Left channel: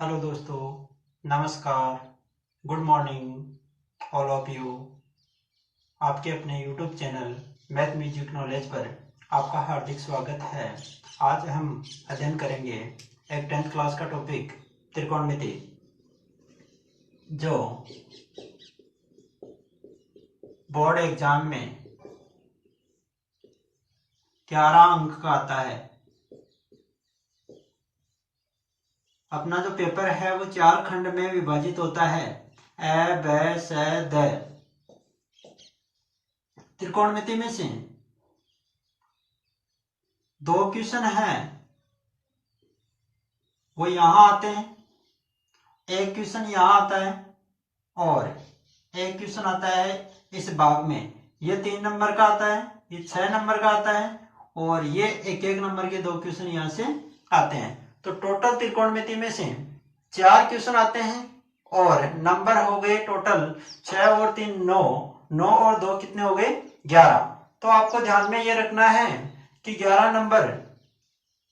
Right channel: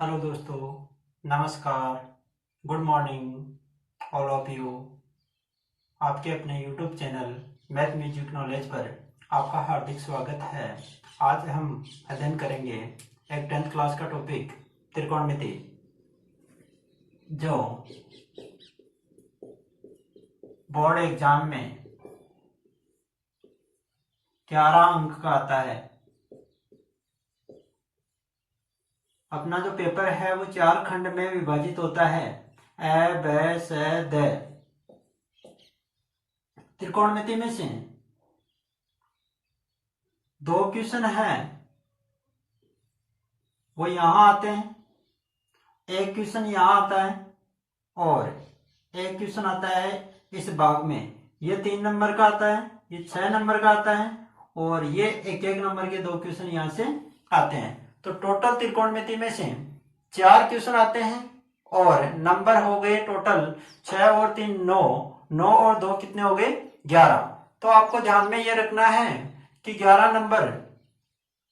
Hello दोस्तों, नमस्कार, good morning all of you. आपके अपने YouTube channel math music knowledge पर आपका हार्दिक स्वागत है। आज हम अध्ययन करेंगे एक 10th क्लास का टॉपिक त्रिकोणमिति, जो बोर्ड एग्जाम में 11 अंक का आता है। अपना जो पेपर है वो 4 खंड में विभाजित होता है, ए ब स द। त्रिकोणमिति में से 2 क्वेश्चन है वो यहाँ आते हैं, एक क्वेश्चन यहाँ आता है और एक क्वेश्चन आता है इस भाग में। ये 3 नंबर का आता है, ये 6 नंबर का आता है और ये 1-1 नंबर के 2 क्वेश्चन यहाँ से आते हैं। तो टोटल त्रिकोणमिति में से 4 क्वेश्चन आते हैं और नंबर हो गए टोटल 6 और 3 9, 9 और 2 कितने हो गए 11। तो आपको ध्यान में ये रखना है कि 11 नंबर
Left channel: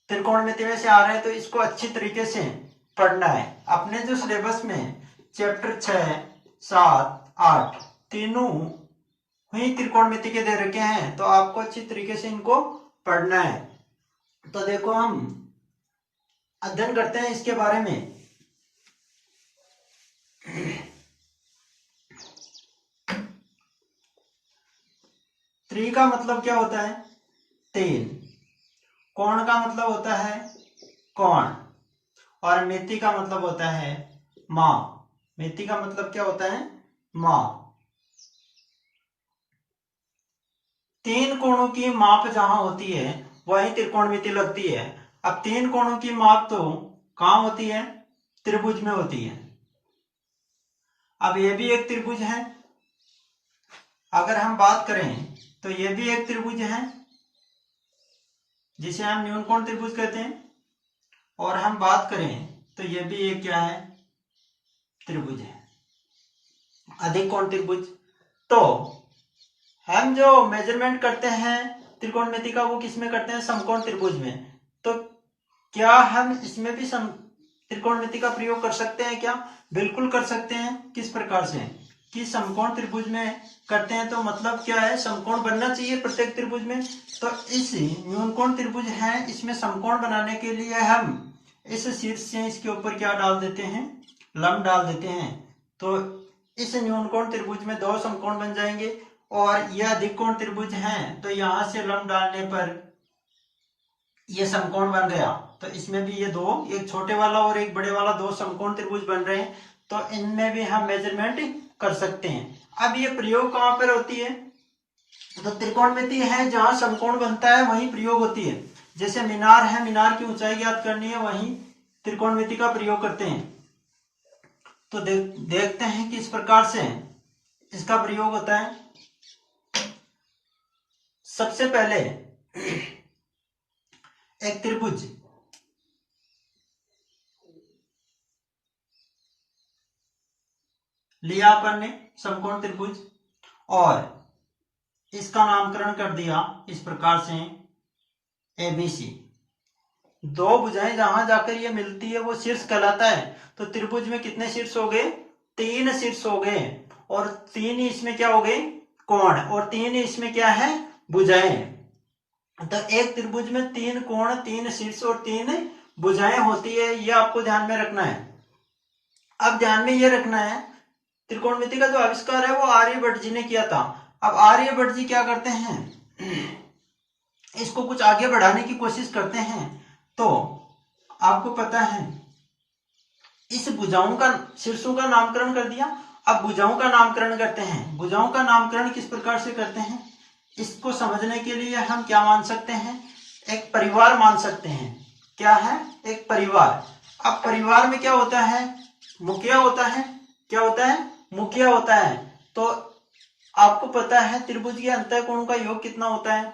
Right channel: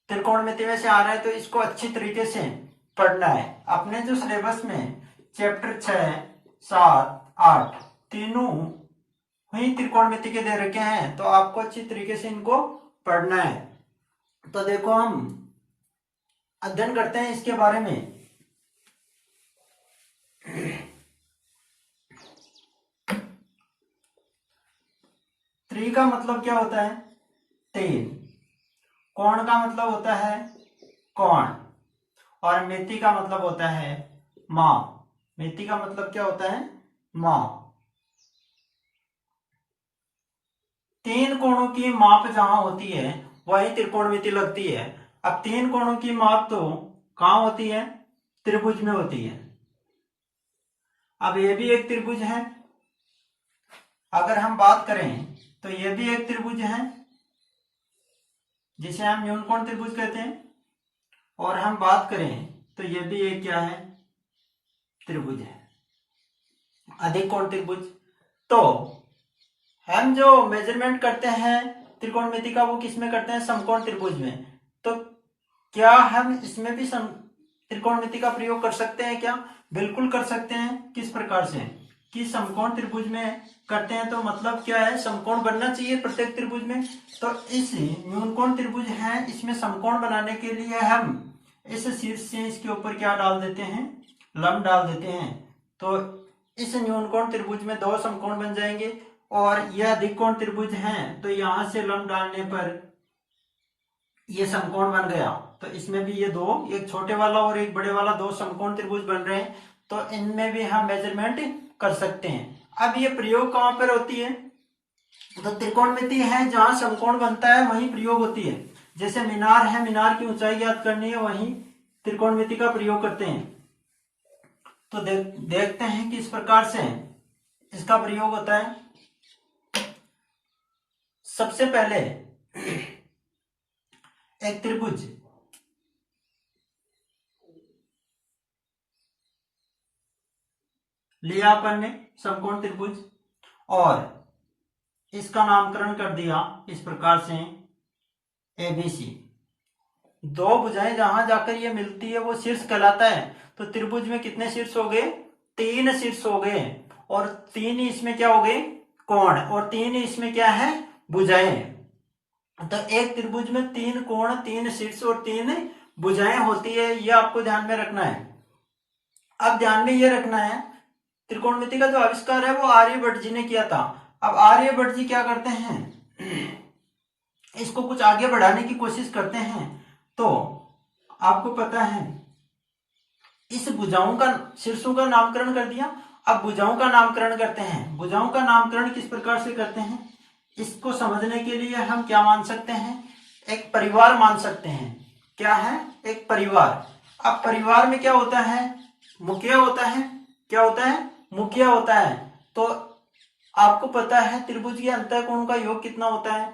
त्रिकोणमिति में से आ रहे हैं, तो इसको अच्छी तरीके से पढ़ना है। अपने जो सिलेबस में चैप्टर 6, 7, 8 तीनों ही त्रिकोणमिति के दे रखे हैं, तो आपको अच्छी तरीके से इनको पढ़ना है। तो देखो, हम अध्ययन करते हैं इसके बारे में। त्रि का मतलब क्या होता है? 3। कोण का मतलब होता है कोण, और मिति का मतलब होता है माप। मिति का मतलब क्या होता है? माप। 3 कोणों की माप जहां होती है वही त्रिकोणमिति लगती है। अब 3 कोणों की माप तो कहां होती है? त्रिभुज में होती है। अब ये भी एक त्रिभुज है। अगर हम बात करें तो ये भी एक त्रिभुज है जिसे हम न्यूनकोण त्रिभुज कहते हैं, और हम बात करें तो ये भी एक क्या है? त्रिभुज है, अधिक कोण त्रिभुज। तो हम जो मेजरमेंट करते हैं त्रिकोणमिति का, वो किस में करते हैं? समकोण त्रिभुज में। तो क्या हम इसमें भी त्रिकोणमिति का प्रयोग कर सकते हैं क्या? बिल्कुल कर सकते हैं। किस प्रकार से? कि समकोण त्रिभुज में करते हैं तो मतलब क्या है? समकोण बनना चाहिए प्रत्येक त्रिभुज में। तो इस न्यूनकोण त्रिभुज है, इसमें समकोण बनाने के लिए हम इस शीर्ष से इसके ऊपर क्या डाल देते हैं? लंब डाल देते हैं। तो इस न्यूनकोण त्रिभुज में 2 समकोण बन जाएंगे, और यह अधिक कोण त्रिभुज है तो यहां से लंब डालने पर ये समकोण बन गया। तो इसमें भी ये 2, एक छोटे वाला और एक बड़े वाला, 2 समकोण त्रिभुज बन रहे हैं। तो इनमें भी हम मेजरमेंट कर सकते हैं। अब ये प्रयोग कहां पर होती है? तो त्रिकोणमिति है जहां समकोण बनता है वहीं प्रयोग होती है। जैसे मीनार है, मीनार की ऊंचाई ज्ञात करनी है, वहीं त्रिकोणमिति का प्रयोग करते हैं। तो देखते हैं किस प्रकार से इसका प्रयोग होता है। सबसे पहले एक त्रिभुज लिया अपन ने, समकोण त्रिभुज, और इसका नामकरण कर दिया इस प्रकार से ABC। 2 भुजाएं जहां जाकर ये मिलती है वो शीर्ष कहलाता है। तो त्रिभुज में कितने शीर्ष हो गए? 3 शीर्ष हो गए, और 3 इसमें क्या हो गए? कोण, और 3 इसमें क्या है? भुजाएं। तो एक त्रिभुज में 3 कोण, 3 शीर्ष और 3 भुजाएं होती है। ये आपको ध्यान में रखना है। अब ध्यान में ये रखना है, त्रिकोणमिति का जो आविष्कार है वो आर्यभट्ट जी ने किया था। अब आर्यभट्ट जी क्या करते हैं? इसको कुछ आगे बढ़ाने की कोशिश करते हैं। तो आपको पता है, इस भुजाओं का, शीर्षों का नामकरण कर दिया। अब भुजाओं का नामकरण करते हैं। भुजाओं का नामकरण किस प्रकार से करते हैं? इसको समझने के लिए हम क्या मान सकते हैं? एक परिवार मान सकते हैं। क्या है? एक परिवार। अब परिवार में क्या होता है? मुखिया होता है। क्या होता है? मुखिया होता है। तो आपको पता है त्रिभुज के अंतःकोण का योग कितना होता है?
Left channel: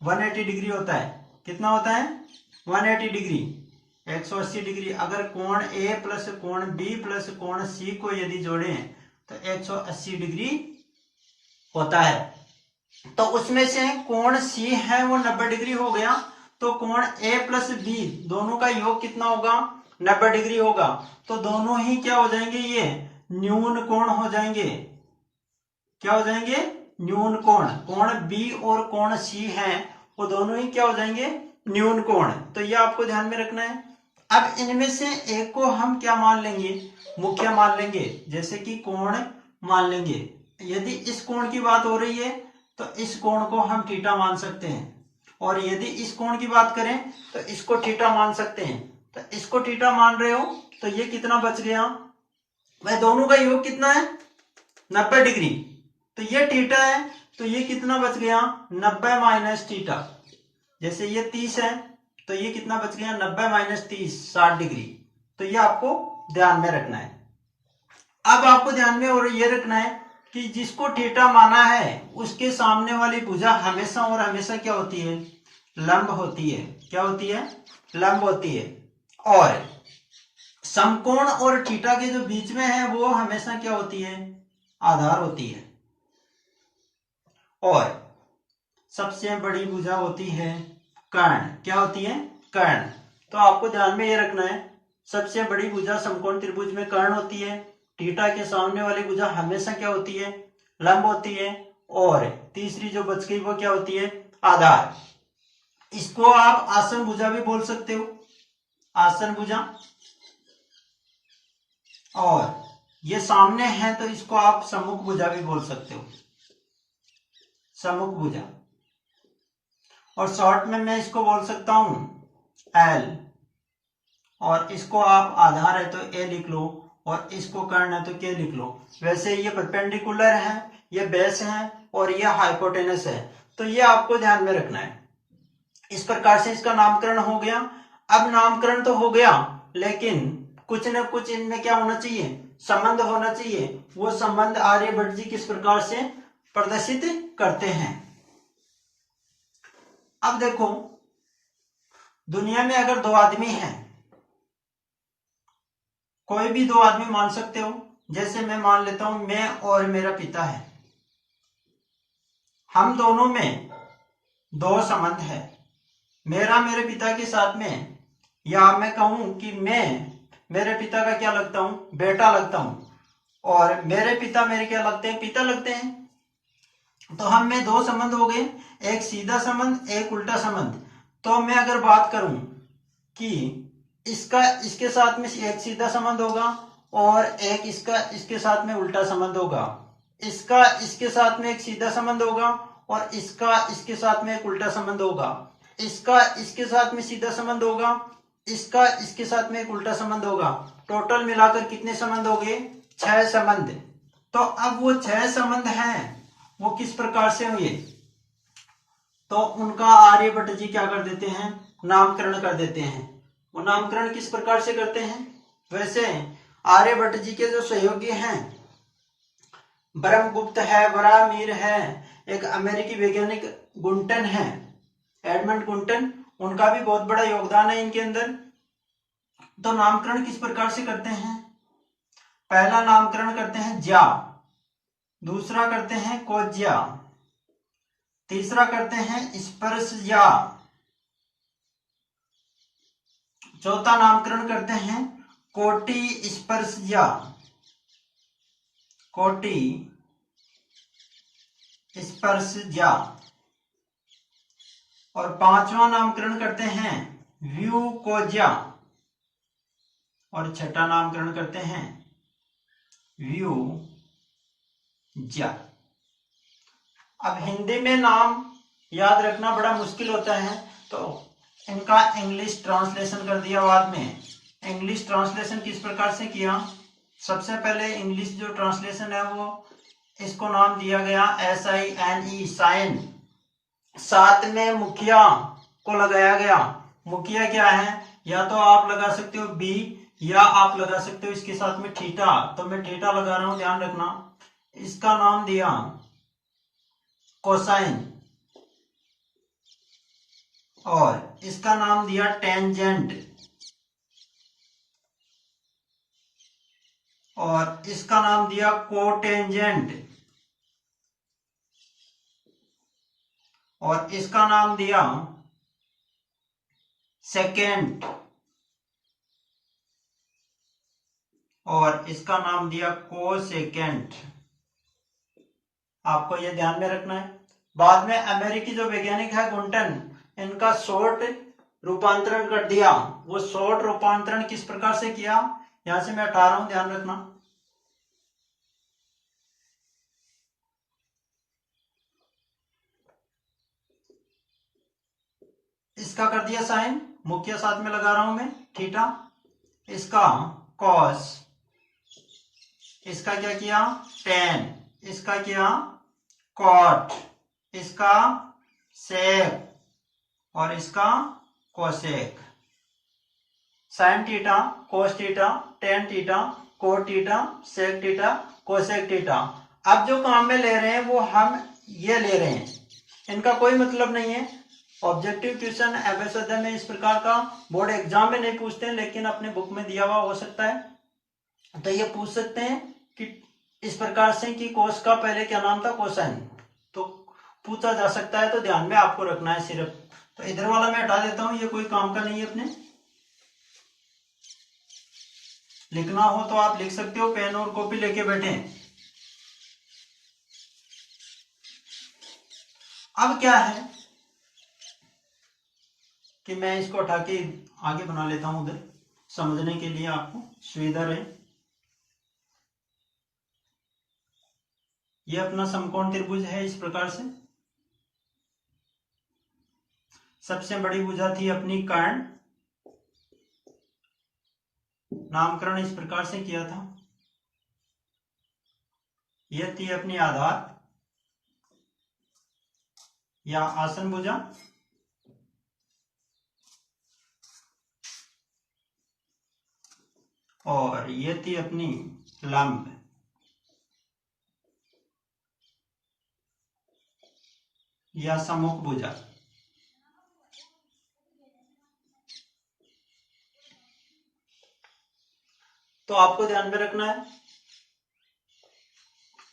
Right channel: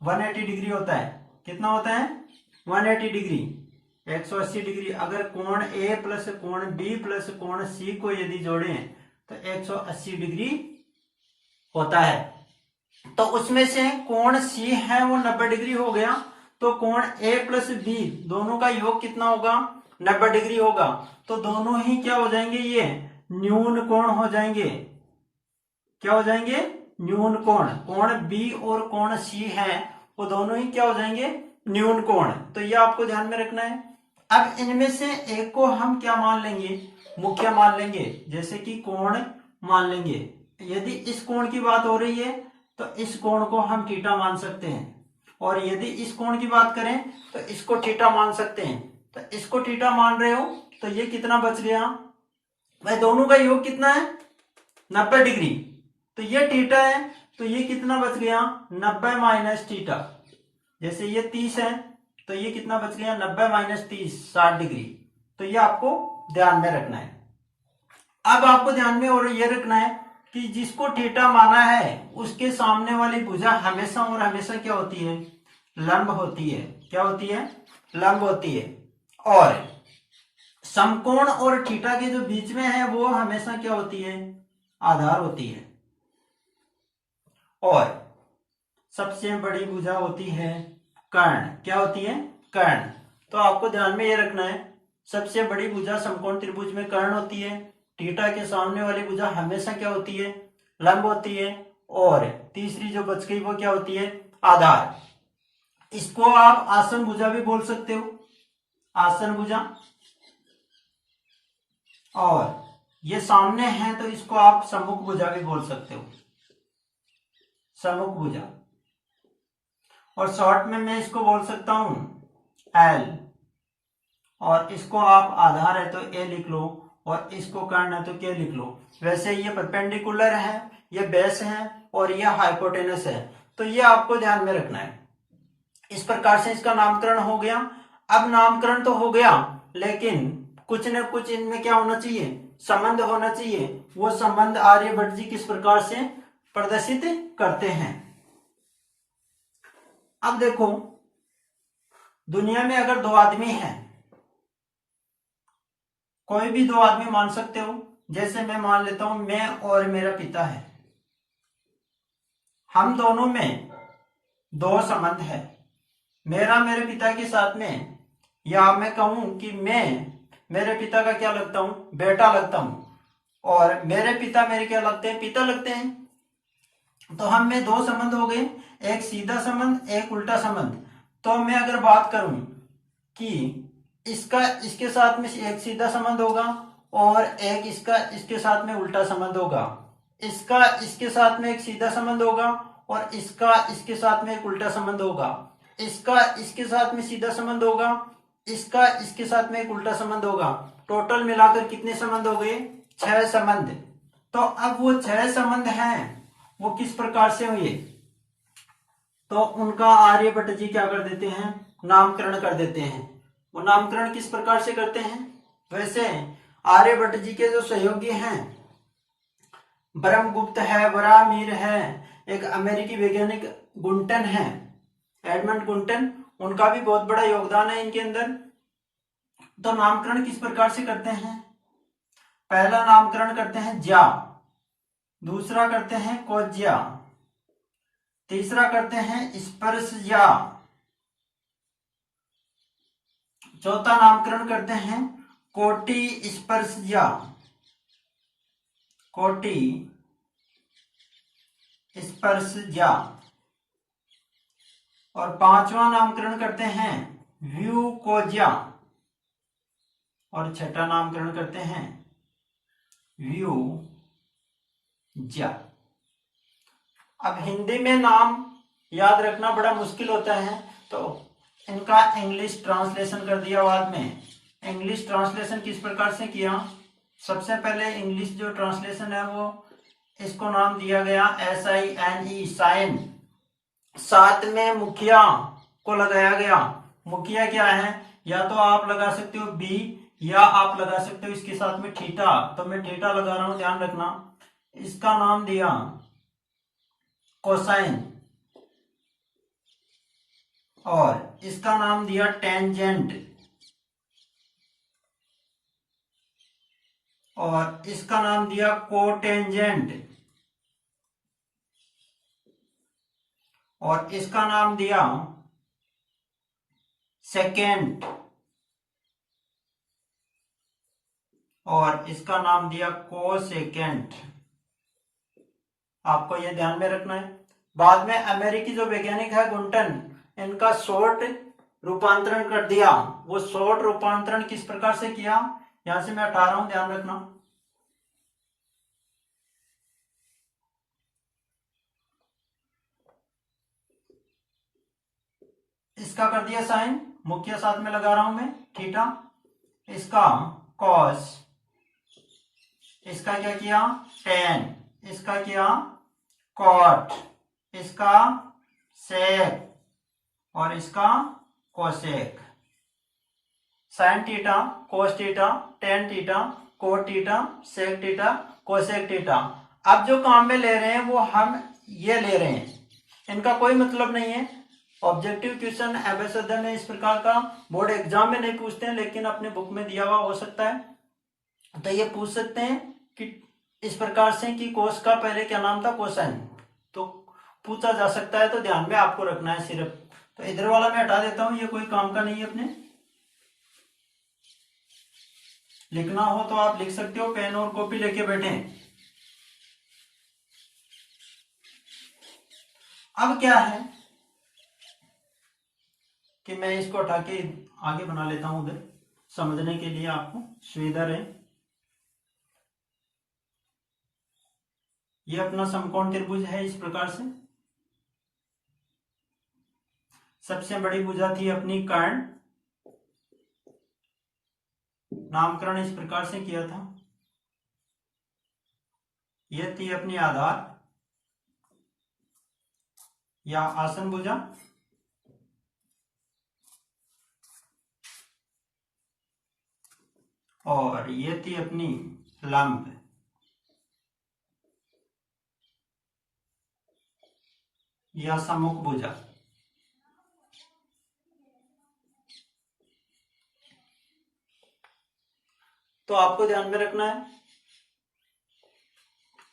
180 डिग्री होता है। कितना होता है? 180 डिग्री, 180 डिग्री। अगर कोण A प्लस कोण B प्लस कोण C को यदि जोड़ें तो 180 डिग्री होता है। तो उसमें से कोण C है वो 90 डिग्री हो गया। तो कोण A प्लस B दोनों का योग कितना होगा? 90 डिग्री होगा, तो दोनों ही क्या हो जाएंगे, ये न्यून कोण हो जाएंगे। क्या हो जाएंगे, न्यून कोण। कोण बी और कोण सी है, वो दोनों ही क्या हो जाएंगे, न्यून कोण। तो ये आपको ध्यान में रखना है। अब इनमें से एक को हम क्या मान लेंगे, मुख्य मान लेंगे, जैसे कि कोण मान लेंगे। यदि इस कोण की बात हो रही है तो इस कोण को हम थीटा मान सकते हैं, और यदि इस कोण की बात करें तो इसको थीटा मान सकते हैं। तो इसको थीटा मान रहे हो तो ये कितना बच गया, भाई दोनों का योग कितना है, 90 डिग्री। तो ये थीटा है, तो ये कितना बच गया, 90 माइनस थीटा। जैसे ये 30 है तो ये कितना बच गया, 90 माइनस 30, 60 डिग्री। तो ये आपको ध्यान में रखना है। अब आपको ध्यान में और ये रखना है कि जिसको थीटा माना है उसके सामने वाली भुजा हमेशा और हमेशा क्या होती है, लंब होती है। क्या होती है, लंब होती है। और समकोण और थीटा के जो बीच में है वो हमेशा क्या होती है, आधार होती है। और सबसे बड़ी भुजा होती है कर्ण। क्या होती है, कर्ण। तो आपको ध्यान में ये रखना है, सबसे बड़ी भुजा समकोण त्रिभुज में कर्ण होती है। थीटा के सामने वाली भुजा हमेशा क्या होती है, लंब होती है। और तीसरी जो बच गई वो क्या होती है, आधार। इसको आप आसन भुजा भी बोल सकते हो, आसन भुजा। और ये सामने है तो इसको आप सम्मुख भुजा भी बोल सकते हो, सम्मुख भुजा। और शॉर्ट में मैं इसको बोल सकता हूं एल। और इसको आप आधार है तो ए लिख लो, और इसको कर्ण है तो के लिख लो। वैसे ये परपेंडिकुलर है, ये बेस है, और ये हाइपोटेनस है। तो ये आपको ध्यान में रखना है। इस प्रकार से इसका नामकरण हो गया। अब नामकरण तो हो गया, लेकिन कुछ न कुछ इनमें क्या होना चाहिए, संबंध होना चाहिए। वो संबंध आर्यभट्ट जी किस प्रकार से प्रदर्शित करते हैं। अब देखो, दुनिया में अगर दो आदमी हैं, कोई भी दो आदमी मान सकते हो। जैसे मैं मान लेता हूं, मैं और मेरा पिता है। हम दोनों में दो संबंध है, मेरा मेरे पिता के साथ में, या मैं कहूं कि मैं मेरे पिता का क्या लगता हूं, बेटा लगता हूं, और मेरे पिता मेरे क्या लगते हैं, पिता लगते हैं। तो हम में दो संबंध हो गए, एक सीधा संबंध, एक उल्टा संबंध। तो मैं अगर बात करूं कि इसका इसके साथ में एक सीधा संबंध होगा, और एक इसका इसके साथ में उल्टा संबंध होगा। इसका इसके साथ में एक सीधा संबंध होगा, और इसका इसके साथ में एक उल्टा संबंध होगा। इसका इसके साथ में सीधा संबंध होगा, इसका इसके साथ में एक उल्टा संबंध होगा। टोटल मिलाकर कितने संबंध हो गए, 6 संबंध। तो अब वो 6 संबंध हैं, वो किस प्रकार से हुए, तो उनका आर्यभट्ट जी क्या कर देते हैं, नामकरण कर देते हैं। वो नामकरण किस प्रकार से करते हैं, वैसे आर्यभट्ट जी के जो सहयोगी हैं, ब्रह्मगुप्त है, बरामीर है, एक अमेरिकी वैज्ञानिक गुंटन है, एडमंड गुंटन, उनका भी बहुत बड़ा योगदान है इनके अंदर। तो नामकरण किस प्रकार से करते हैं, पहला नामकरण करते हैं ज्या, दूसरा करते हैं कोज्या, तीसरा करते हैं स्पर्शज्या, चौथा नामकरण करते हैं कोटि स्पर्शज्या, कोटि स्पर्शज्या, और पांचवा नामकरण करते हैं व्यूकोज्या, और छठा नामकरण करते हैं व्यूज्या। अब हिंदी में नाम याद रखना बड़ा मुश्किल होता है, तो इनका इंग्लिश ट्रांसलेशन कर दिया बाद में। इंग्लिश ट्रांसलेशन किस प्रकार से किया, सबसे पहले इंग्लिश जो ट्रांसलेशन है वो इसको नाम दिया गया SINE, साइन। साथ में मुखिया को लगाया गया। मुखिया क्या है, या तो आप लगा सकते हो बी, या आप लगा सकते हो इसके साथ में थीटा। तो मैं थीटा लगा रहा हूं, ध्यान रखना। इसका नाम दिया कोसाइन, और इसका नाम दिया टेंजेंट, और इसका नाम दिया कोटेंजेंट, और इसका नाम दिया सेकेंड, और इसका नाम दिया कोसेकेंट। आपको ये ध्यान में रखना है। बाद में अमेरिकी जो वैज्ञानिक है गुंटन, इनका शॉर्ट रूपांतरण कर दिया। वो शॉर्ट रूपांतरण किस प्रकार से किया, यहां से मैं हटा रहा हूं, ध्यान रखना। इसका कर दिया साइन, मुख्य साथ में लगा रहा हूं मैं, थीटा। इसका कॉस, इसका क्या किया टेन, इसका किया कॉट, इसका सेक और इसका cosec. Sine theta, cos theta, tan theta, cot theta, sec theta, cosec theta. अब जो काम में ले रहे हैं वो हम ये ले रहे हैं, इनका कोई मतलब नहीं है। ऑब्जेक्टिव क्वेश्चन एमएस अध्ययन में इस प्रकार का बोर्ड एग्जाम में नहीं पूछते हैं, लेकिन अपने बुक में दिया हुआ हो सकता है। तो ये पूछ सकते हैं कि इस प्रकार से कि कोस का पहले क्या नाम था, कोसाइन, तो पूछा जा सकता है। तो ध्यान में आपको रखना है सिर्फ। तो इधर वाला मैं हटा देता हूं, ये कोई काम का नहीं है। अपने लिखना हो तो आप लिख सकते हो, पेन और कॉपी लेके बैठे। अब क्या है कि मैं इसको हटा के आगे बना लेता हूं उधर, समझने के लिए आपको सुविधा रहे। ये अपना समकोण त्रिभुज है इस प्रकार से। सबसे बड़ी भुजा थी अपनी कर्ण, नामकरण इस प्रकार से किया था। यह थी अपनी आधार या आसन भुजा, और ये थी अपनी लंब या सम्मुख भुजा। तो आपको ध्यान में रखना है,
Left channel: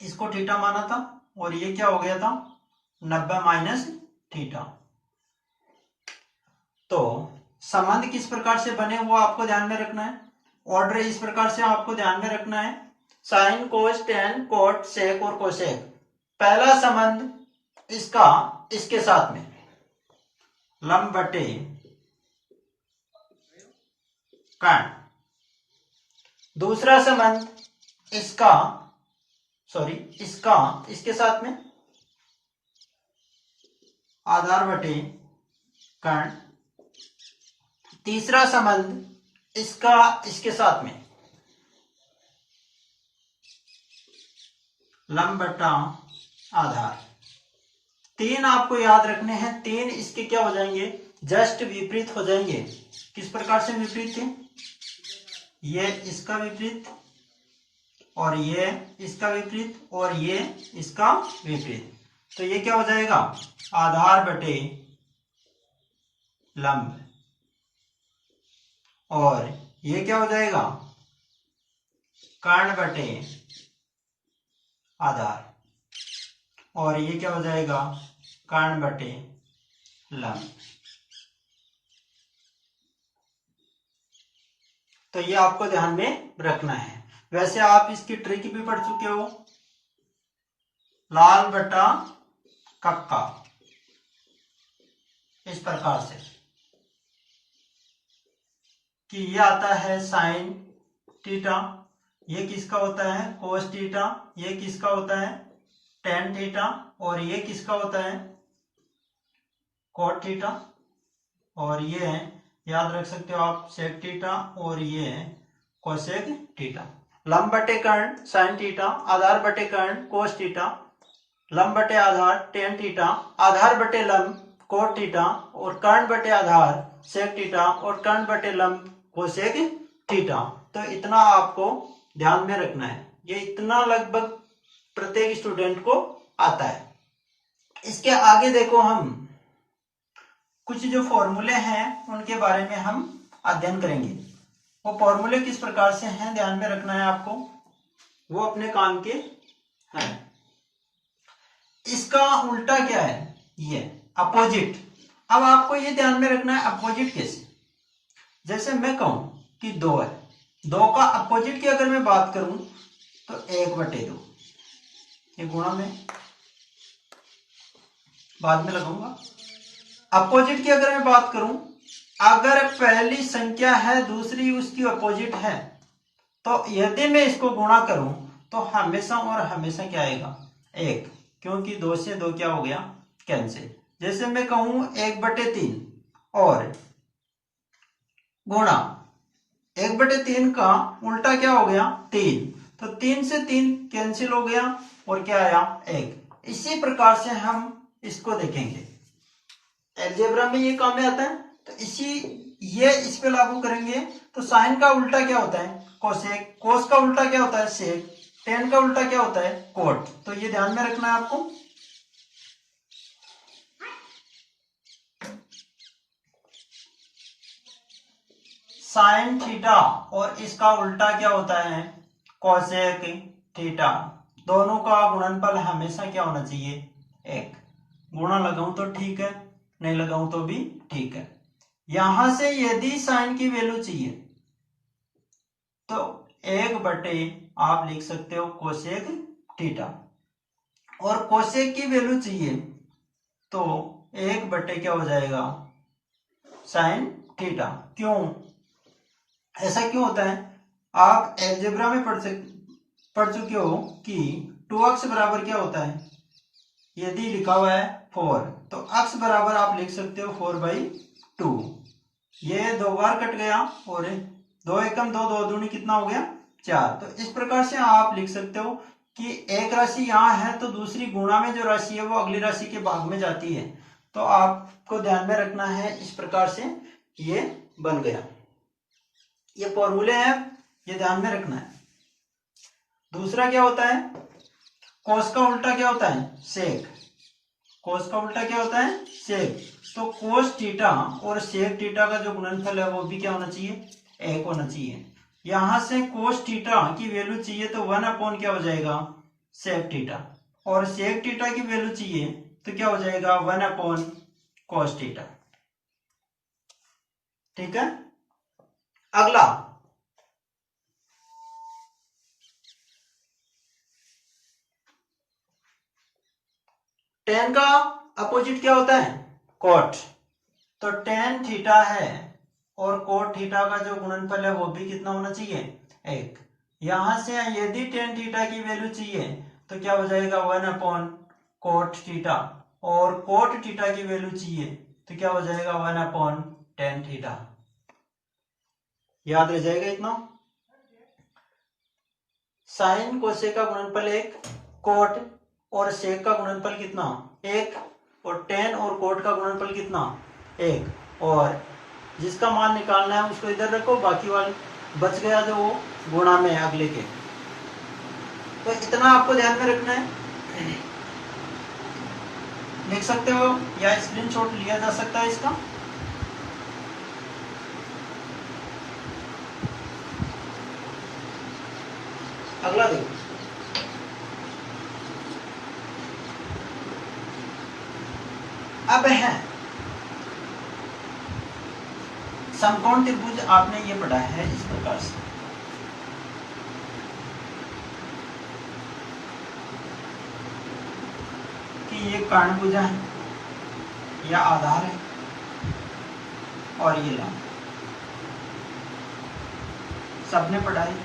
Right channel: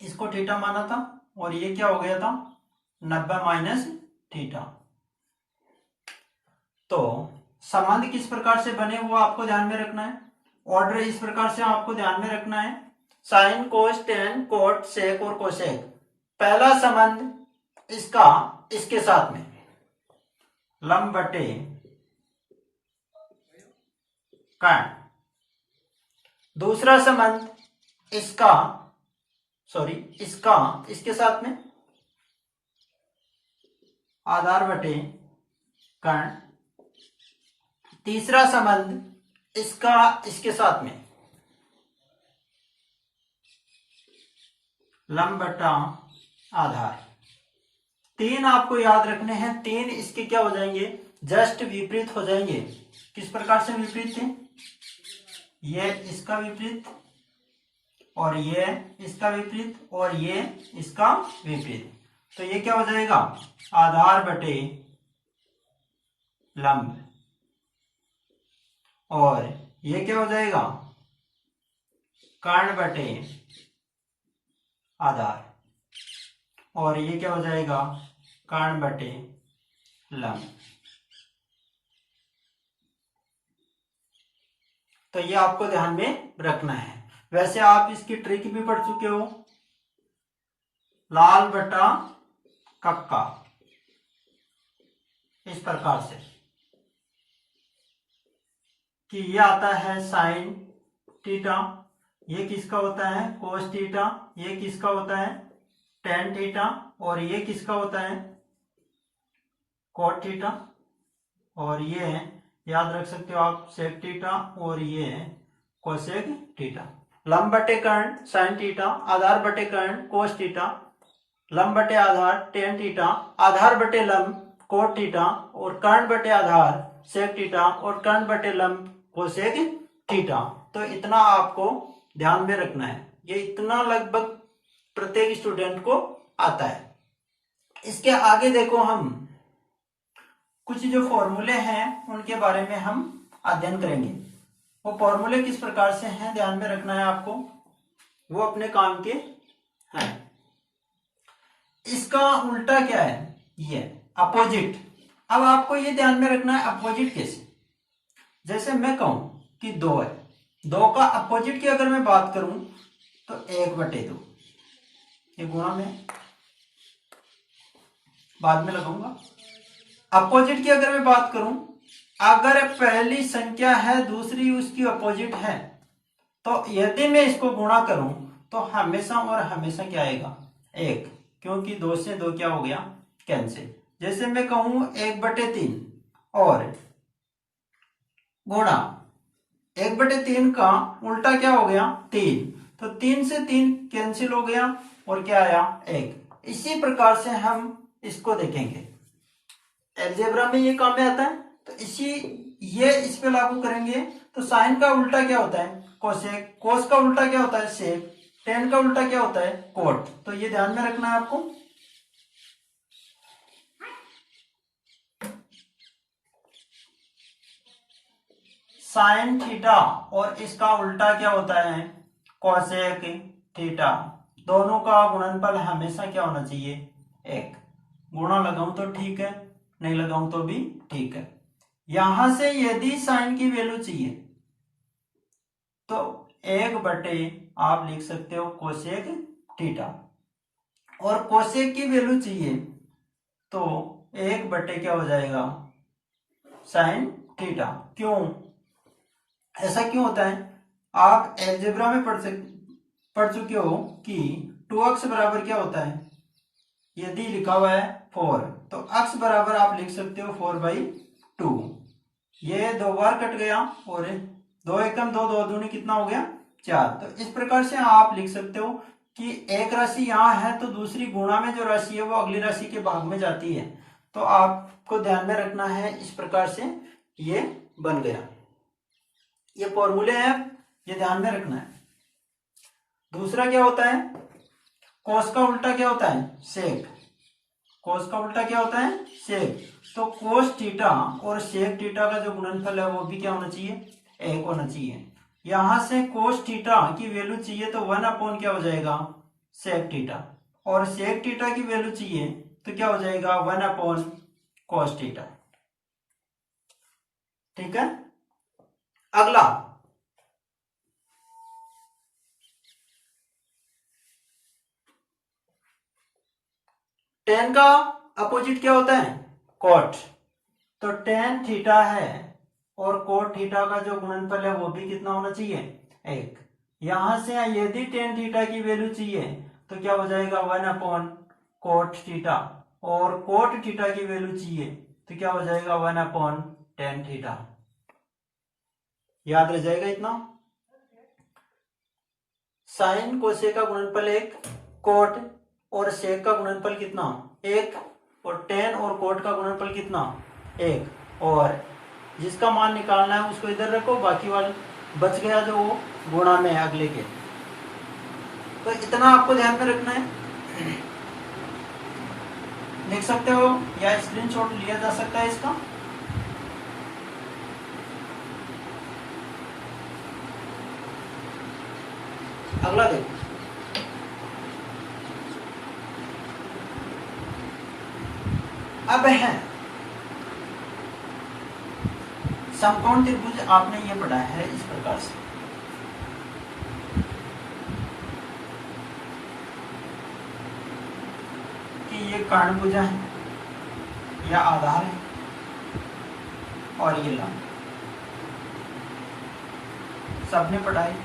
इसको थीटा माना था और ये क्या हो गया था 90 माइनस थीटा। तो संबंध किस प्रकार से बने वो आपको ध्यान में रखना है। ऑर्डर इस प्रकार से आपको ध्यान में रखना है, sine cos tan cot sec और कोसेक। पहला संबंध इसका इसके साथ में लंब बटे कर्ण। दूसरा संबंध इसका इसका इसके साथ में आधार बटे कर्ण। तीसरा संबंध इसका इसके साथ में लंब बटा आधार। तीन आपको याद रखने हैं, तीन इसके क्या हो जाएंगे, जस्ट विपरीत हो जाएंगे। किस प्रकार से विपरीत थे, ये इसका विपरीत और ये इसका विपरीत और ये इसका विपरीत। तो ये क्या हो जाएगा आधार बटे लंब, और ये क्या हो जाएगा कर्ण बटे आधार, और ये क्या हो जाएगा कर्ण बटे लंब। तो ये आपको ध्यान में रखना है। वैसे आप इसकी ट्रिक भी पढ़ चुके हो, लाल बटा कक्का, इस प्रकार से कि ये आता है साइन थीटा, ये किसका होता है कोस थीटा, ये किसका होता है टेन थीटा, और ये किसका होता है कोट थीटा, और ये याद रख सकते हो आप सेक थीटा, और ये कोसेक थीटा। लंब बटे कर्ण साइन थीटा, आधार बटे कर्ण कोस थीटा, लंब बटे आधार टेन थीटा, आधार बटे लंब कोट थीटा, और कर्ण बटे आधार सेक थीटा, और कर्ण बटे लंब कोसेक थीटा। तो इतना आपको ध्यान में रखना है, ये इतना लगभग प्रत्येक स्टूडेंट को आता है। इसके आगे देखो, हम कुछ जो फॉर्मूले हैं उनके बारे में हम अध्ययन करेंगे। वो फॉर्मूले किस प्रकार से हैं ध्यान में रखना है आपको, वो अपने काम के हैं। इसका उल्टा क्या है, ये अपोजिट। अब आपको ये ध्यान में रखना है अपोजिट कैसे, जैसे मैं कहूं कि 2 है 2 का अपोजिट की अगर मैं बात करूं तो 1/2, ये गुणा में बाद में लगाऊंगा। अपोजिट की अगर मैं बात करूं, अगर पहली संख्या है दूसरी उसकी अपोजिट है, तो यदि मैं इसको गुणा करूं तो हमेशा और हमेशा क्या आएगा, 1, क्योंकि 2 से 2 क्या हो गया, कैंसिल। जैसे मैं कहूं 1/3 और गुणा 1/3 का उल्टा क्या हो गया, 3, तो 3 से 3 कैंसिल हो गया और क्या आया, 1। इसी प्रकार से हम इसको देखेंगे, अलजेब्रा में ये काम में आता है, तो ये इस पे लागू करेंगे। तो साइन का उल्टा क्या होता है, कोसेक, कोस का उल्टा क्या होता है, सेक, टेन का उल्टा क्या होता है, कोट। तो ये ध्यान में रखना है आपको। साइन थीटा और इसका उल्टा क्या होता है, कोसेक थीटा। दोनों का गुणनफल हमेशा क्या होना चाहिए, 1। गुणा लगाऊं तो ठीक है, नहीं लगाऊं तो भी ठीक है। यहां से यदि साइन की वैल्यू चाहिए तो 1/, आप लिख सकते हो कोसेक थीटा, और कोसेक की वैल्यू चाहिए तो 1/, क्या हो जाएगा, साइन थीटा। क्यों ऐसा क्यों होता है, आप अलजेब्रा में पढ़ चुके हो कि 2x बराबर क्या होता है, यदि लिखा हुआ है 4 तो x बराबर आप लिख सकते हो 4/2। ये 2 बार कट गया और 2 एकम 2, 2 दूनी कितना हो गया, 4। तो इस प्रकार से आप लिख सकते हो कि एक राशि यहाँ है तो दूसरी गुणा में जो राशि है वो अगली राशि के भाग में जाती है। तो आपको ध्यान में रखना है, इस प्रकार से ये बन गया। ये फॉर्मूले हैं, ये ध्यान में रखना है। दूसरा क्या होता है, कोस का उल्टा क्या होता है, सेक। कोस का उल्टा क्या होता है, सेक। तो कोस थीटा और सेक थीटा का जो गुणनफल है वो भी क्या होना चाहिए, 1 होना चाहिए। यहां से कोस थीटा की वैल्यू चाहिए तो 1 क्या हो जाएगा, सेक थीटा, और सेक थीटा की वैल्यू चाहिए तो क्या हो जाएगा, 1/cos थीटा। ठीक है। अगला टेन का अपोजिट क्या होता है, कोट। तो टेन थीटा है और कोट थीटा का जो गुणनफल है वो भी कितना होना चाहिए, 1। यहां से यदि टेन थीटा की वैल्यू चाहिए तो क्या हो जाएगा, 1/कोट थीटा, और कोट थीटा की वैल्यू चाहिए तो क्या हो जाएगा, 1/tan थीटा। याद रह जाएगा इतना। साइन कोसेक का गुणनफल 1, कोट और सेक का गुणनफल कितना, 1, और टेन और कोट का गुणनफल कितना, 1। और जिसका मान निकालना है उसको इधर रखो, बाकी वाले बच गया जो वो गुणा में है अगले के। तो इतना आपको ध्यान में रखना है। देख सकते हो या स्क्रीनशॉट लिया जा सकता है इसका। अगला देखो, अब है समकोण त्रिभुज। आपने ये पढ़ा है इस प्रकार से, कि ये कर्णभुजा है या आधार है और ये लंब, सबने पढ़ाई।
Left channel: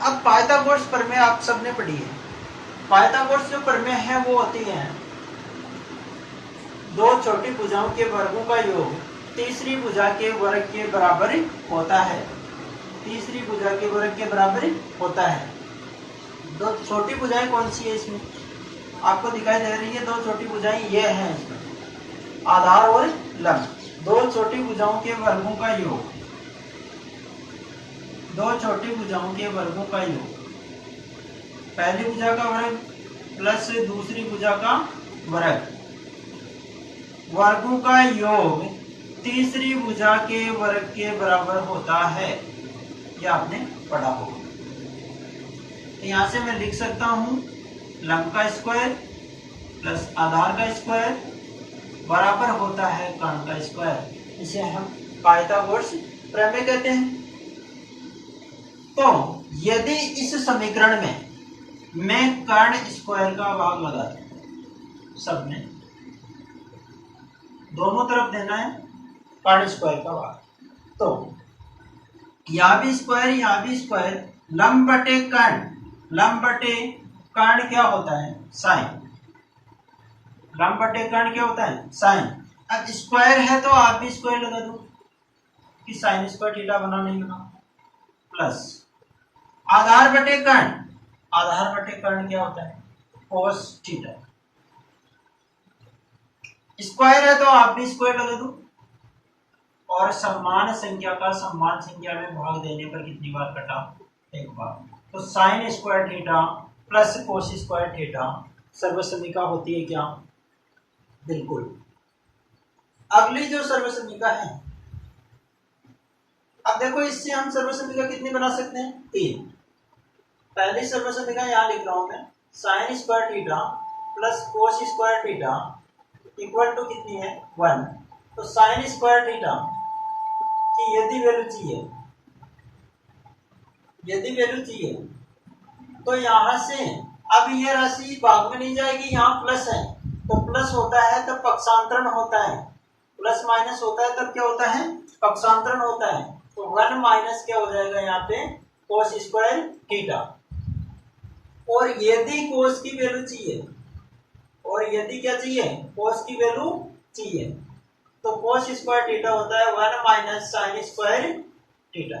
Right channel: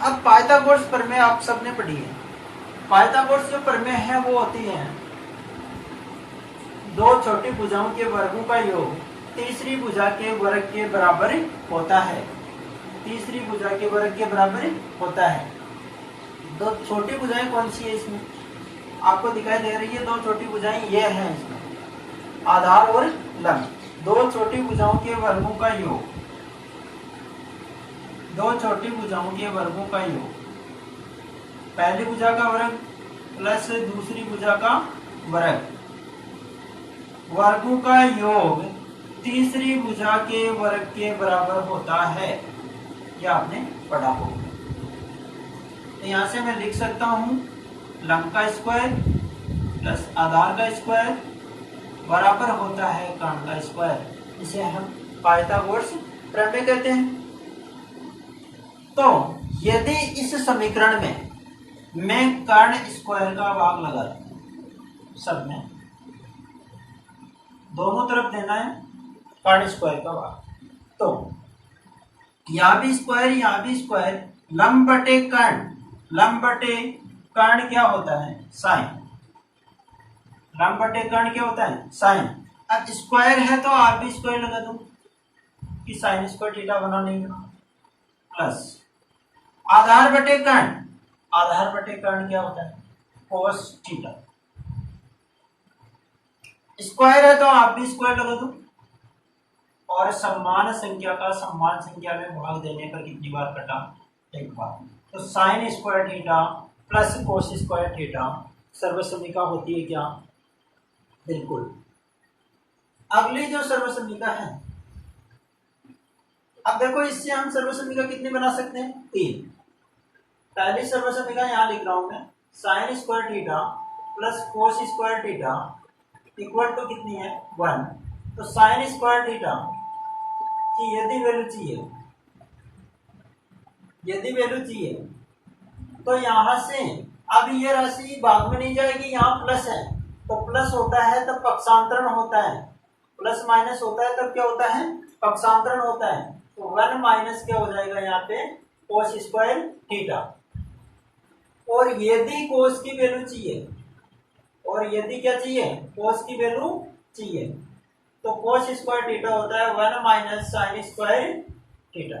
अब पाइथागोरस प्रमेय आप सबने पढ़ी है। पाइथागोरस जो प्रमेय है वो होती है, दो छोटी भुजाओं के वर्गों का योग तीसरी भुजा के वर्ग के बराबर होता है। तीसरी भुजा के वर्ग के बराबर होता है। दो छोटी भुजाएं कौन सी है इसमें, आपको दिखाई दे रही है, दो छोटी भुजाएं ये हैं इसमें, आधार और लंब। दो छोटी भुजाओं के वर्गों का योग, दो छोटी भुजाओं के वर्गों का योग, पहली भुजा का वर्ग प्लस दूसरी भुजा का वर्ग, वर्गों का योग तीसरी भुजा के वर्ग के बराबर होता है। यह आपने पढ़ा होगा। तो यहाँ से मैं लिख सकता हूँ लंब का स्क्वायर प्लस आधार का स्क्वायर बराबर होता है कर्ण का स्क्वायर। इसे हम पाइथागोरस प्रमेय कहते हैं। तो यदि इस समीकरण में मैं कर्ण स्क्वायर का भाग लगा दूं, सब में दोनों तरफ देना है कर्ण स्क्वायर का भाग, तो यहाँ भी स्क्वायर यहाँ भी स्क्वायर, लंब बटे कर्ण, लंब बटे कर्ण क्या होता है साइन, लंब बटे कर्ण क्या होता है साइन। अब स्क्वायर है तो आप भी स्क्वायर लगा दो कि साइन स्क्वायर थीटा बना नहीं बना, प्लस आधार बटे कर्ण, आधार बटे कर्ण क्या होता है कोस थीटा। स्क्वायर है तो आप भी स्क्वायर लगा दो, और समान संख्या का समान संख्या में भाग देने पर कितनी बार कटा एक बार, तो sine square theta plus cos square theta सर्वसमीका होती है क्या बिल्कुल। अगली जो सर्वसमीका है, अब देखो इससे हम सर्वसमीका कितनी बना सकते हैं तीन। पहली सर्वसमीका यहाँ लिख रहा हूं मैं, sine square theta plus cos square theta equal to कितनी है 1। तो साइन स्क्वायर थीटा की यदि वैल्यू चाहिए, यदि वैल्यू चाहिए तो यहां से अब ये राशि भाग में नहीं जाएगी, यहाँ प्लस है तो प्लस होता है तब पक्षांतरण होता है, प्लस माइनस होता है तब क्या होता है पक्षांतरण होता है। तो 1 माइनस क्या हो जाएगा यहाँ पे कोस स्क्वायर थीटा। और यदि कोस की वैल्यू चाहिए, और यदि क्या चाहिए कोस की वैल्यू चाहिए, तो कोस स्क्वायर थीटा होता है 1 माइनस साइन स्क्वायर थीटा।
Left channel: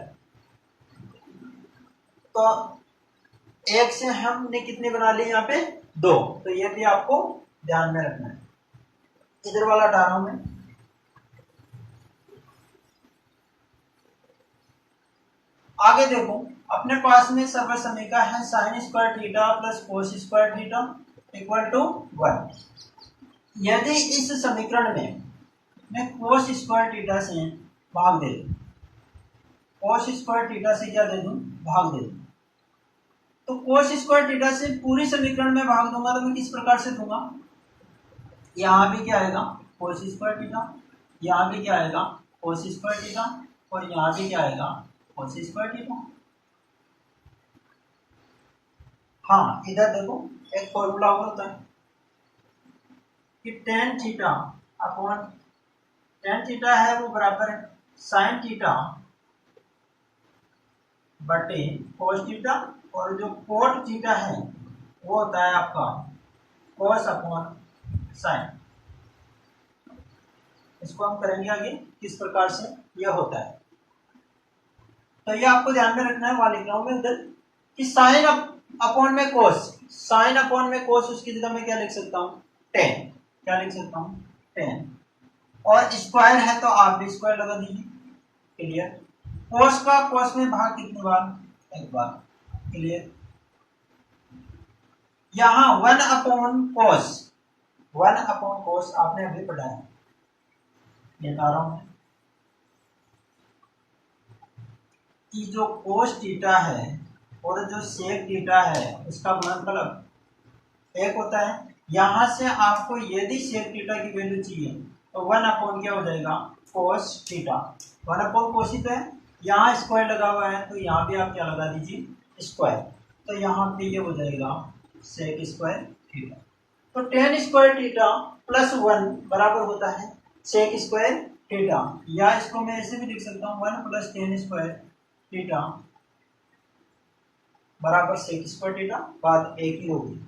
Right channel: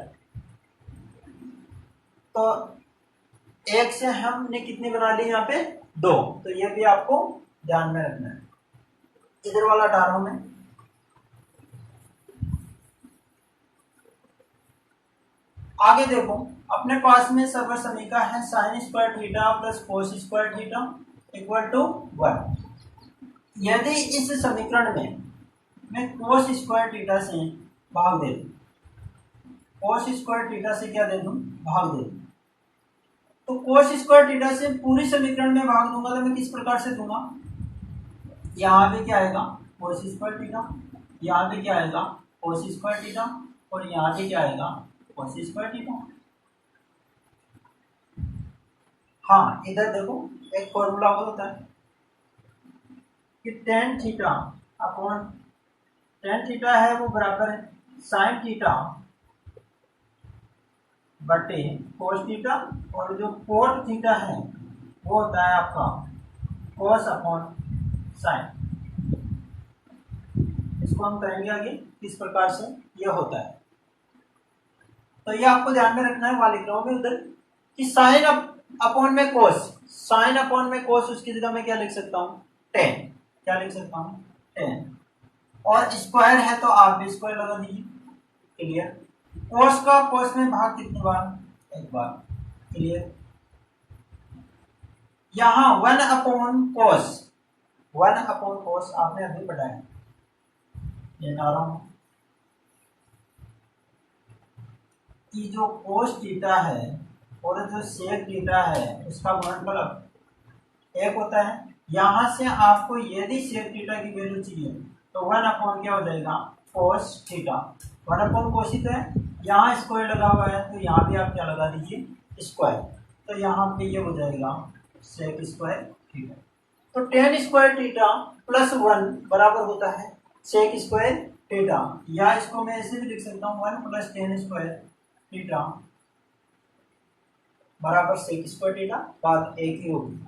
तो एक से हमने कितनी बना ली यहाँ पे 2, तो ये भी आपको ध्यान में रखना है। इधर वाला हटा रहा हूं मैं। आगे देखो अपने पास में सर्वसमीका है sine square theta plus cos square theta equal to 1। यदि इस समीकरण में मैं कोस स्क्वायर थीटा से भाग दे दूं, कोस स्क्वायर थीटा से क्या दे दूं भाग दे दूं, तो कोस स्क्वायर थीटा से पूरी समीकरण में भाग दूंगा तो मैं किस प्रकार से दूंगा, यहाँ भी क्या आएगा कोस स्क्वायर थीटा, यहाँ भी क्या आएगा कोस स्क्वायर थीटा, और यहाँ भी क्या आएगा कोस स्क्वायर थीटा। हाँ इधर देखो एक फॉर्मूला होता है कि tan theta upon, tan theta है वो बराबर है साइन थीटा बटे कोस थीटा, और जो कोट थीटा है वो होता है आपका कोस अपॉन साइन। इसको हम करेंगे आगे किस प्रकार से यह होता है। तो ये आपको ध्यान में रखना है, वहां लिख रहा हूं मैं उधर कि साइन अपॉन में कोस, साइन अपॉन में कोस उसकी जगह मैं क्या लिख सकता हूँ टेन, क्या लिख सकता हूँ टेन, और स्क्वायर है तो आप भी स्क्वायर लगा दीजिए, क्लियर। कोस का कोस में भाग कितनी बार एक बार, क्लियर। यहाँ 1 अपॉन कोस, 1 अपॉन कोस आपने अभी पढ़ा है, ये ला रहा हूं कि जो कोस थीटा है और जो सेक थीटा है उसका गुणनफल एक होता है। यहां से आपको यदि सेक थीटा की वैल्यू चाहिए तो 1 अपॉन क्या हो जाएगा कोस थीटा, 1 अपॉन कोस ही तो है, यहाँ स्क्वायर लगा हुआ है तो यहाँ भी आप क्या लगा दीजिए स्क्वायर, तो यहाँ पे ये हो जाएगा सेक स्क्वायर थीटा। तो टेन स्क्वायर थीटा प्लस 1 बराबर होता है सेक स्क्वायर थीटा, या इसको मैं ऐसे भी लिख सकता हूँ 1 प्लस टेन स्क्वायर थीटा बराबर सेक स्क्वायर थीटा, बात एक ही होगी।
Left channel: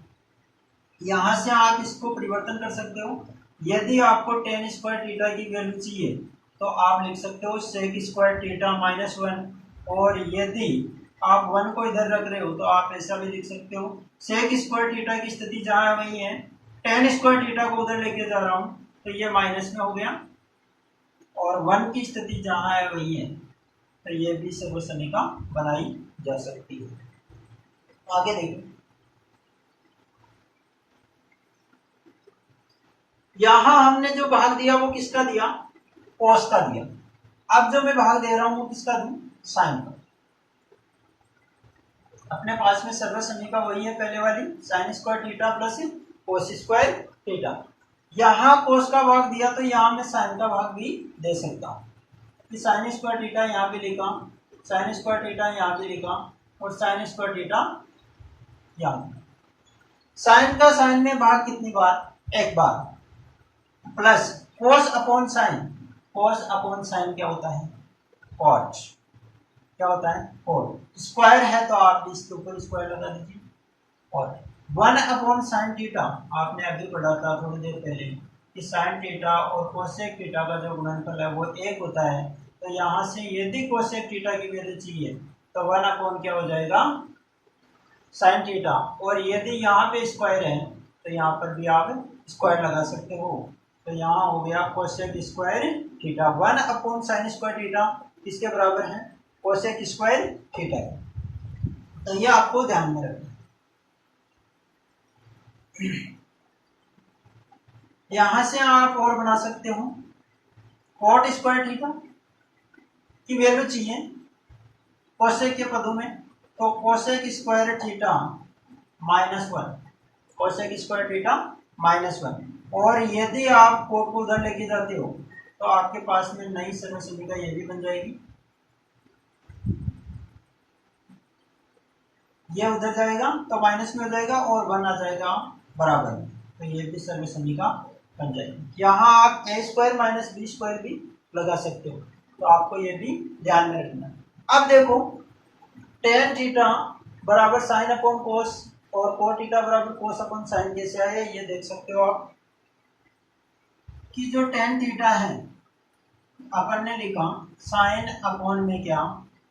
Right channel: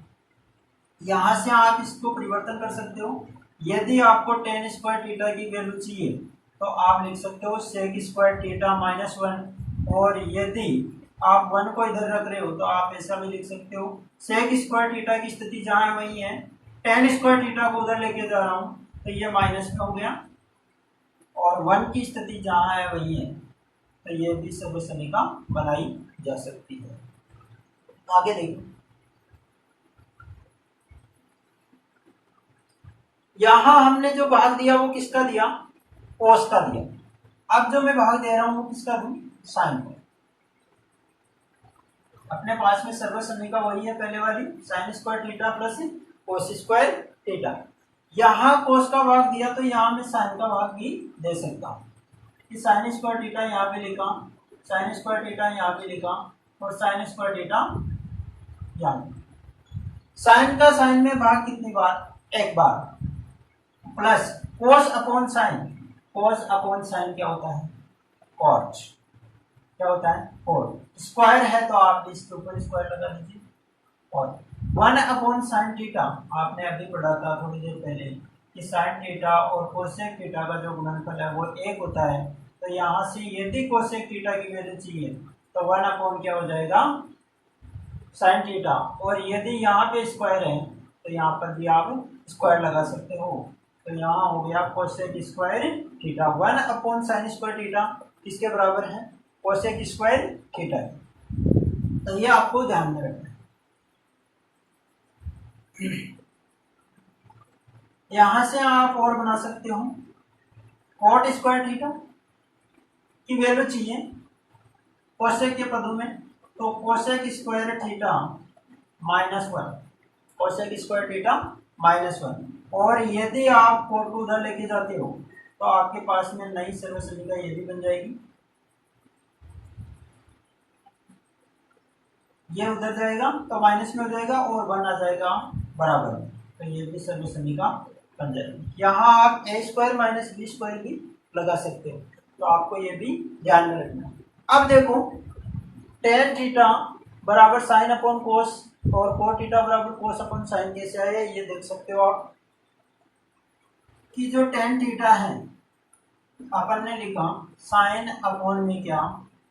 यहां से आप इसको परिवर्तन कर सकते हो, यदि आपको टेन स्क्वायर थीटा की वैल्यू चाहिए तो आप लिख सकते हो सेक स्क्वायर थीटा माइनस 1, और यदि आप 1 को इधर रख रहे हो तो आप ऐसा भी लिख सकते हो सेक स्क्वायर थीटा की स्थिति जहां है वही है, टेन स्क्वायर थीटा को उधर लेके जा रहा हूं तो ये माइनस में हो गया, और 1 की स्थिति जहां है वही है, तो ये भी सर्वसमीका बनाई जा सकती है। आगे देखिए, यहां हमने जो भाग दिया वो किसका दिया कोस का दिया, अब जो मैं भाग दे रहा हूं वो किसका दूं साइन का। अपने पास में सर्वसम्मिका वही है पहले वाली, sign square theta plus cos square theta. यहाँ कोस का भाग दिया तो यहाँ मैं साइन का भाग भी दे सकता हूँ कि साइन स्क्वायर थीटा यहाँ पे लिखा, साइन स्क्वायर थीटा यहाँ पे लिखा और साइन स्क्वायर थीटा यहाँ। साइन का साइन में भाग कितनी बार? एक बार, plus cos upon sine. Cos upon sine क्या होता है? कॉट। क्या होता है? कॉट। स्क्वायर है तो आप इसके ऊपर स्क्वायर लगा दीजिए। और 1 अपॉन साइन थीटा, आपने अभी पढ़ा था थोड़ी देर पहले कि साइन थीटा और कोसेक थीटा का जो गुणनफल है वो 1 होता है। तो यहाँ से यदि कोसेक थीटा की वैल्यू चाहिए तो 1 अपॉन क्या हो जाएगा? Sine theta. और यदि यहाँ पे स्क्वायर है तो यहाँ पर भी आप स्क्वायर लगा सकते हो। तो यहाँ हो गया cosec square theta. 1 upon sine square theta किसके बराबर है? Cosec square theta. तो ये आपको ध्यान में रखना है। यहां से आप और बना सकते हो, कॉट स्क्वायर थीटा की वैल्यू चाहिए कोसेक के पदों में, तो cosec square theta -1, cosec square theta -1। और यदि आप कोट को उधर लेके जाते हो तो आपके पास में नई सर्वसम्मिका ये भी बन जाएगी, ये उधर जाएगा तो माइनस में हो जाएगा और 1 आ जाएगा बराबर में, तो ये भी सर्वसम्मिका बन जाएगी। यहाँ आप a square minus B square भी लगा सकते हो, तो आपको ये भी ध्यान में रखना है। अब देखो tan थीटा बराबर साइन अपॉन कोस और cos थीटा बराबर कोस अपॉन साइन कैसे आया ये देख सकते हो आप कि जो tan थीटा है अपन ने लिखा साइन अपॉन में क्या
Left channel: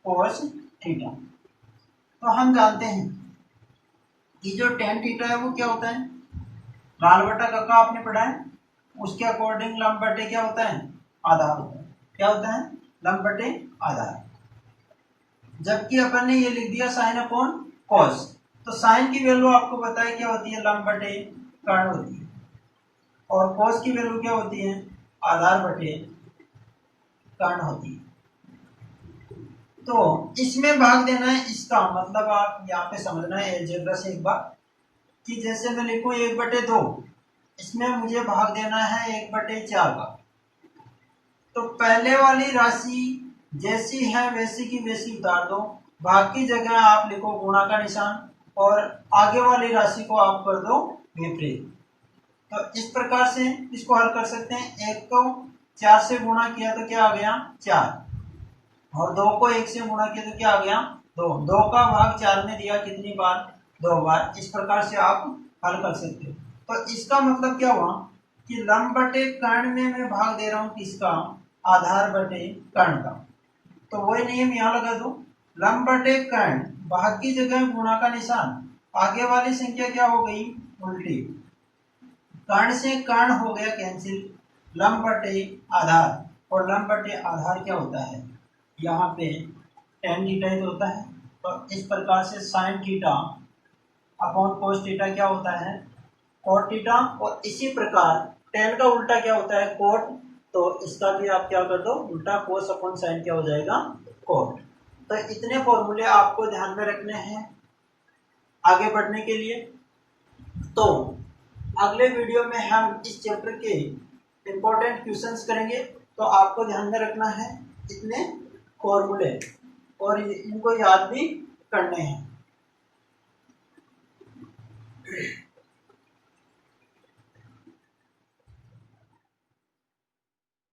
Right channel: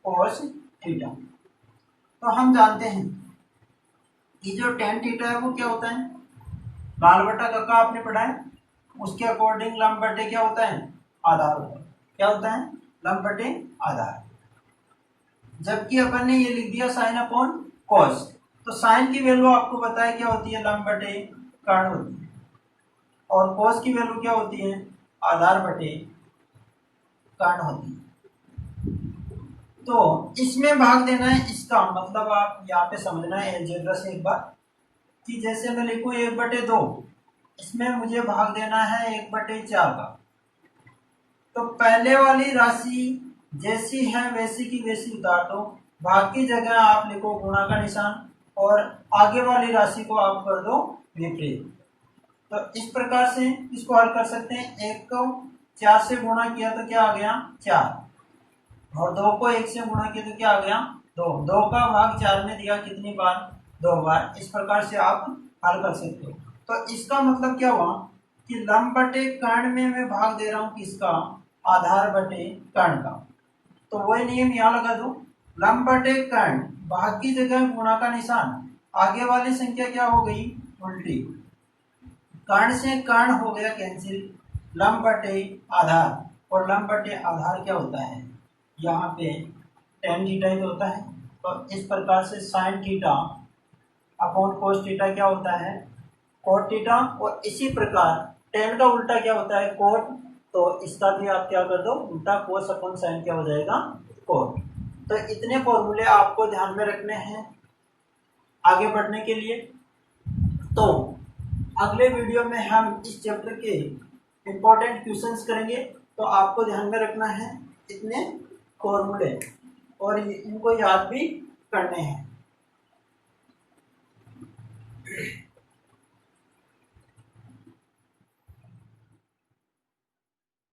कोस थीटा। तो हम जानते हैं कि जो tan थीटा है वो क्या होता है? लाल बटा कक्का आपने पढ़ा है, उसके अकॉर्डिंग लंब बटे क्या होता है? आधार होता है। क्या होता है? लंब बटे आधार। जबकि अपन ने ये लिख दिया साइन अपॉन कॉस, तो साइन की वैल्यू आपको पता है क्या होती है? लंब बटे कर्ण होती है। और कॉस की वैल्यू क्या होती है? आधार बटे कर्ण होती है। तो इसमें भाग देना है, इसका मतलब आप यहाँ पे समझना है अलजेब्रा से एक बार कि जैसे मैं लिखूं 1/2, इसमें मुझे भाग देना है 1/4 का। तो पहले वाली राशि जैसी है वैसी की वैसी उतार दो, भाग की जगह आप लिखो गुणा का निशान और आगे वाली राशि को आप कर दो विपरीत। तो इस प्रकार से इसको हल कर सकते हैं। 1 को 4 से गुणा किया तो क्या आ गया? 4, और 2 को 1 से गुणा किया तो क्या आ गया? 2। 2 का भाग 4 में दिया कितनी बार? 2 बार। इस प्रकार से आप हल कर सकते हो। तो इसका मतलब क्या हुआ कि लंब बटे कर्ण में मैं भाग दे रहा हूं किसका? आधार बटे कर्ण का। तो वही नियम यहाँ लगा दो, लंब बटे कर्ण, भाग की जगह गुणा का निशान, आगे वाली संख्या क्या हो गई? उल्टी। कर्ण से कर्ण हो गया कैंसिल, लंब बटे आधार, और लंब बटे आधार क्या होता है? यहाँ पे tan थीटा ही तो होता है। तो इस प्रकार से sine theta upon cos theta क्या होता है? Cot theta. और इसी प्रकार tan का उल्टा क्या होता है? कोट। तो इसका भी आप क्या कर दो उल्टा, कोस अपॉन साइन क्या हो जाएगा? कोट। तो इतने फॉर्मूले आपको ध्यान में रखने हैं आगे बढ़ने के लिए। तो अगले वीडियो में हम इस चैप्टर के इम्पोर्टेंट क्वेश्चंस करेंगे, तो आपको ध्यान में रखना है इतने फॉर्मूले और इनको याद भी करने हैं।